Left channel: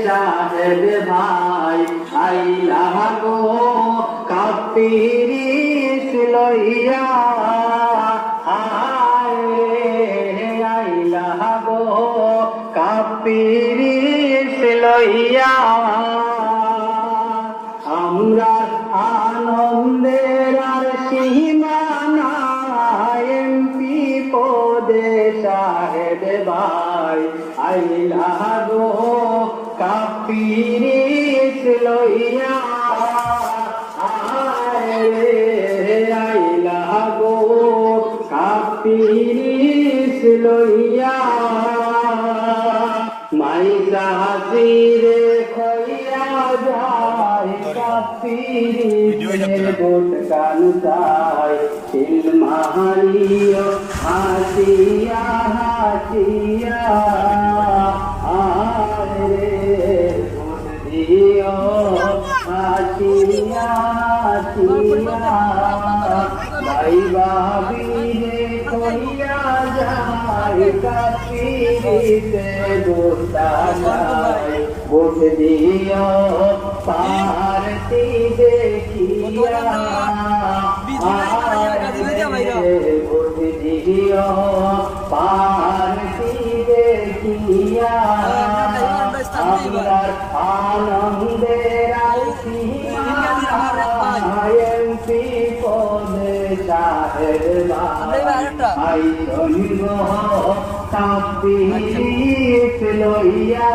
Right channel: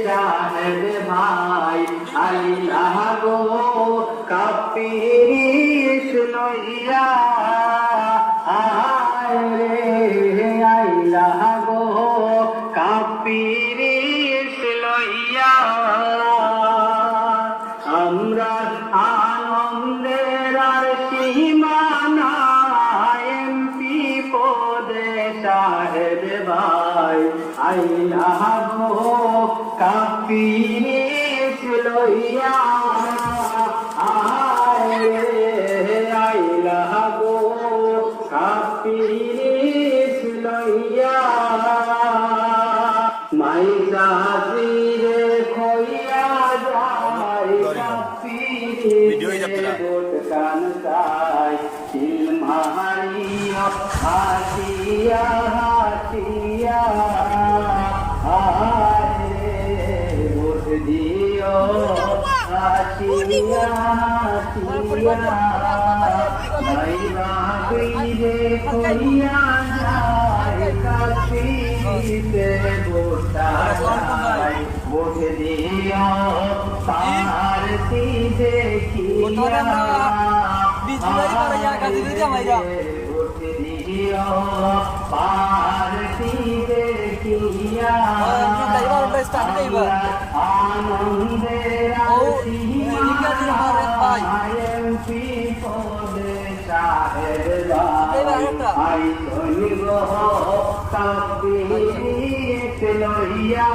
শাহেদ ভাই আইলা গো কাপিরিস লইয়া আইলা গো কাপিরিস লইয়া আমরা আনন্দের আর সীমানা এমপি পদে শাহেদ ভাই আইলা গো কাপিরিস লইয়া আইলা গো কাপিরিস লইয়া মাইজাজিরে খইয়া যায় কাপিরিসের বুট কান্তায় তিল মাহারিয়া হাসিয়া হাসিয়া আরে বুট দিও হাসিয়া হাসিয়া ভাই বাবিরে খইয়া যায় কাপিরিসের বুট দিও পারতি দেখিয়া বুট দিও পারতি দেখিয়া আনন্দের এমপি পদে শাহেদ ভাই গো কাপিরিস লইয়া